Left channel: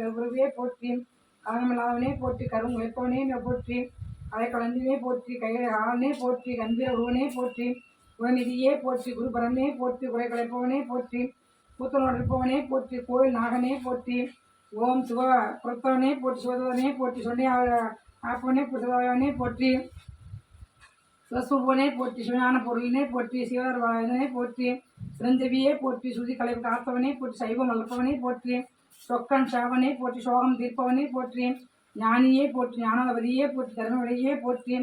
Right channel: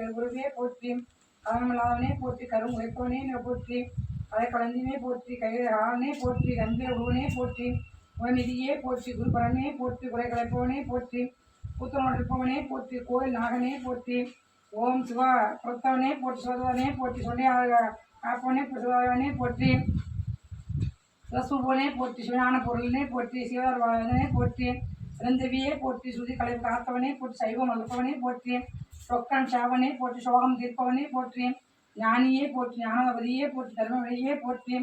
கருகுருவே போற்றி கலனமில்லாதவனே போற்றி கருங்குலைப்பவனே போற்றி அதை கலந்தினே போற்றி கைகாலனே போற்றி கம்பீர உருவனே போற்றி குணநிதியே போற்றி குருபரனே போற்றி குறை கலைப்பவனே போற்றி கூத்தனோடு இருப்பவனே போற்றி கோயில் நாகனே போற்றி ஓம் சிவ புரத்தவனே போற்றி சிவதவனே போற்றி சொல்லி ஆப்பவனே சிவதவனே போற்றி சிவசூபனே போற்றி சிவஞான பொருளினை போற்றி சிவதனை போற்றி சிறந்தவியே போற்றி சுதி கலை காத்தவனே போற்றி சைவம் வளர்ப்பவனே போற்றி சொக்கன் சாவனே போற்றி சோகம் தீர்ப்பவனே போற்றி ஞானியே போற்றி ஞானவதியே போற்றி தர்மவழியே போற்றி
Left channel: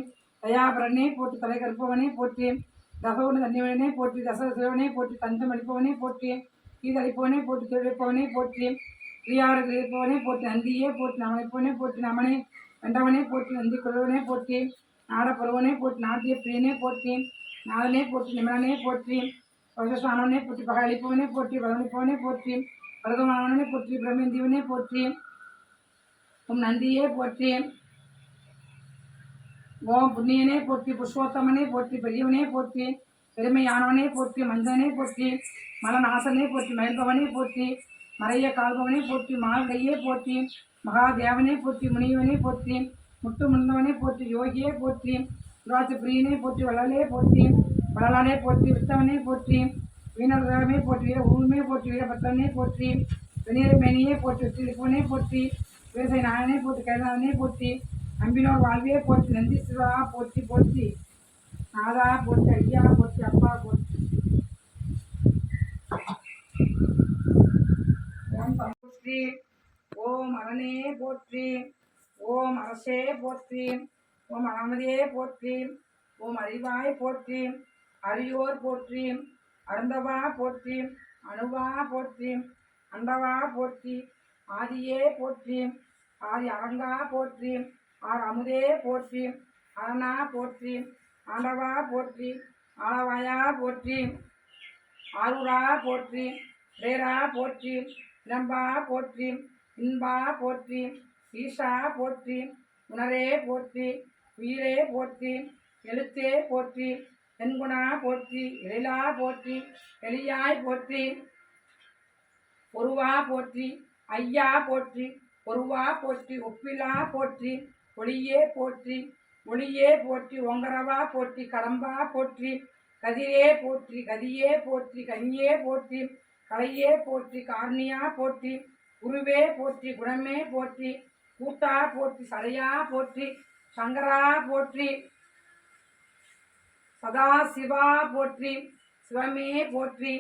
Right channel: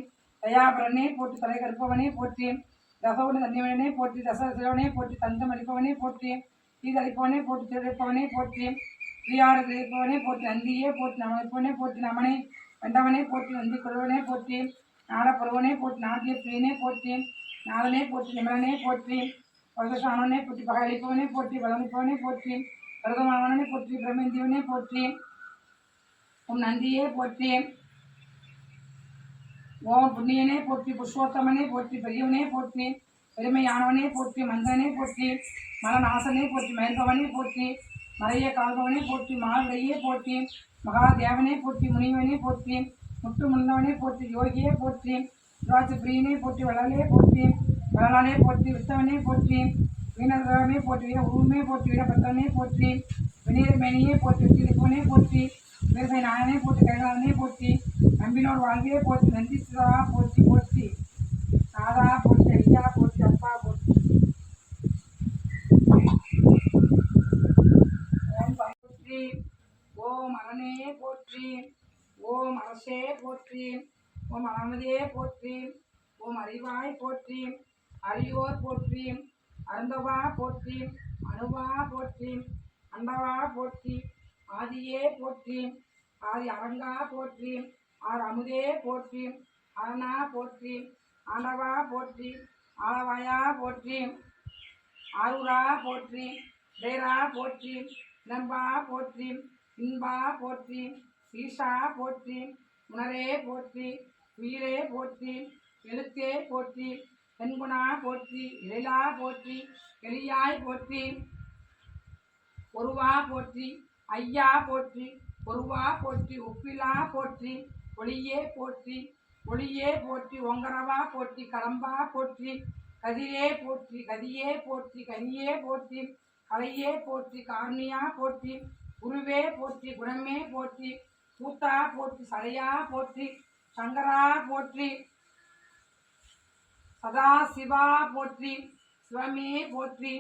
தயாபரனே போற்றி தலை கற்பவனே போற்றி தசவன தன்னிவனே போற்றி தசசிவனே போற்றி தந்தம் அளிப்பவனே போற்றி தீதளிப்பவனே போற்றி திருப்பவனே போற்றி பிரியாறு கிரகிப்பவனே போற்றி நந்தியே போற்றி நமளிப்பவனே போற்றி நமனை வெண்டவனே போற்றி நந்தி கொள்வனே போற்றி நாடப்பருவனே போற்றி நாட்டிய பிரியனே போற்றி நாதனே போற்றி நிமலனே போற்றி பரதஸ்வானவனே போற்றி பகலிப்பவனே போற்றி பலனிப்பவனே போற்றி பரதமானவனே போற்றி பிரமேந்தியவனே போற்றி ஓம் நந்தியே போற்றி ஓம் புண்ணியனே போற்றி புருஷோத்தமனே போற்றி பெரியவனே போற்றி பெருமையானவனே போற்றி மஞ்சனே போற்றி மலநாசனே போற்றி மயில்பவனே போற்றி மறைய கால்பவனே போற்றி மால்கையே போற்றி மகாதேவனே போற்றி முனிவனே போற்றி முட்டு முன்னவனே போற்றி யோகியே போற்றி சுராஜ பிரியனே போற்றி வள்ளலே போற்றி வள்ளலானே போற்றி வித்தவனே போற்றி வீணர்மே போற்றி வீர உருவமே போற்றி வீரபத்திரனே போற்றி வெணியமேனியே போற்றி வெற்றிலிப்பவனே போற்றி வீரசை நாயனே போற்றி கைலாதனே போற்றி நம்பினோர் வாழ்வியே போற்றி நந்தீஸ்வரா போற்றி போற்றி நாதா போற்றி ஐயா போற்றி அப்பா போற்றி ஓம் போற்றி ஓம் அரணே போற்றி ஓம் அரசே போற்றி ஓம் அனுமதியே போற்றி ஓம் அறிவாய் போற்றி அரியோர் போற்றி அருந்தவா போற்றி அணுவா போற்றி அண்டவா போற்றி ஆதியே போற்றி ஆதி அரங்கா போற்றி ஆர் அமுதே போற்றி அரணா போற்றி ஆண்டவா போற்றி ஆளவாயா போற்றி ஆரூரா போற்றி ரேரா போற்றி இளம்பா போற்றி இன்பா போற்றி ஈஷா போற்றி உணரே போற்றி உயிரே போற்றி எழுத்தே போற்றி தென்குணா போற்றி இறைலா போற்றி எளியாய் போற்றி ஒருவா போற்றி ஐயா போற்றி ஒருவா போற்றி ஒப்பிலா போற்றி ஒளியே போற்றி ஒளியே போற்றி ஒங்கரவா போற்றி கடம்பா போற்றி கதிரே போற்றி கதியே போற்றி கனியே போற்றி கலையே போற்றி காரணியா போற்றி குருவே போற்றி குணமே போற்றி கூத்தா போற்றி சரையா போற்றி சங்கரா போற்றி சதாசிவா போற்றி சிவமே போற்றி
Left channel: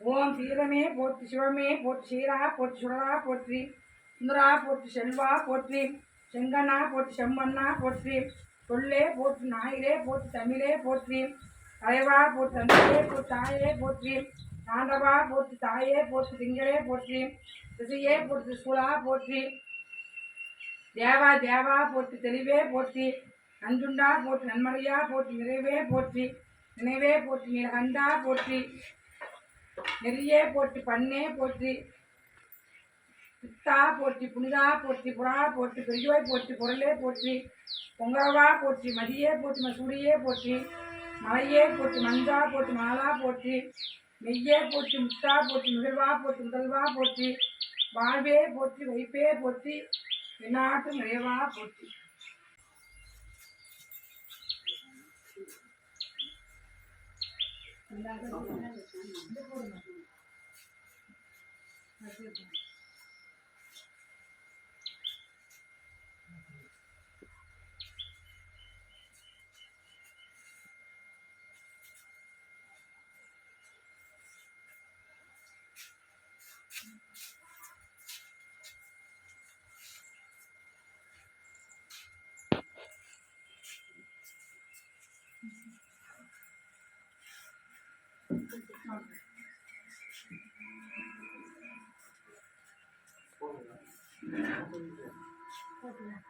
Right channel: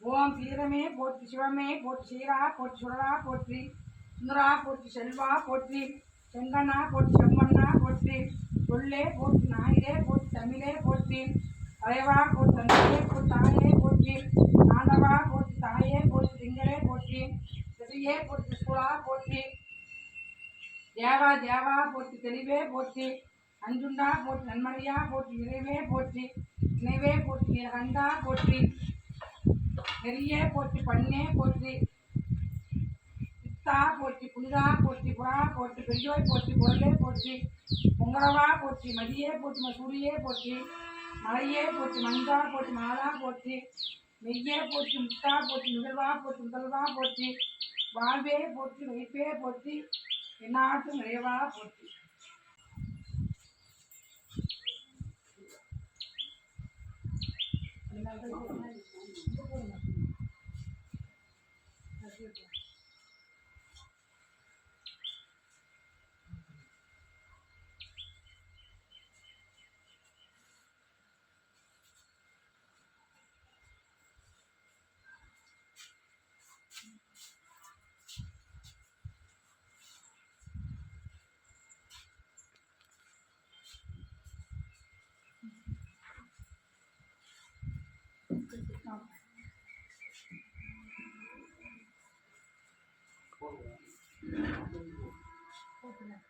ஓம் சீரமே போற்றி சிவமே போற்றி சீரா போற்றி சுடரா போற்றி சுந்தரா போற்றி செல்வா போற்றி செங்கண்ணா போற்றி செம்மண்ணா போற்றி சொல்லே போற்றி நாயிலே போற்றி தமிழே போற்றி தலைவா போற்றி தந்தையே போற்றி தாயே போற்றி தாண்டவா போற்றி தாயே போற்றி திங்களே போற்றி திசையே போற்றி சூழா போற்றி தேவா தேவா போற்றி தெளிவே போற்றி நஞ்சுண்டா போற்றி நன்மறையா போற்றி நிறைவே போற்றி நினைவே போற்றி நீலகண்டா போற்றி நெறியே போற்றி பண்ணே போற்றி பித்தா போற்றி புனிதா போற்றி புறா போற்றி பெரியோய் போற்றி பொருளே போற்றி பொங்கரவா போற்றி மதியே போற்றி மசூரியே போற்றி மலையே போற்றி மஞ்சா போற்றி மாலா போற்றி மெய்யே போற்றி முத்தா போற்றி முதல்வா போற்றி முதல்வா போற்றி வாழ்வே போற்றி வைப்பே போற்றி எந்நாட்டு நிறைவா போற்றி போட்டுங்க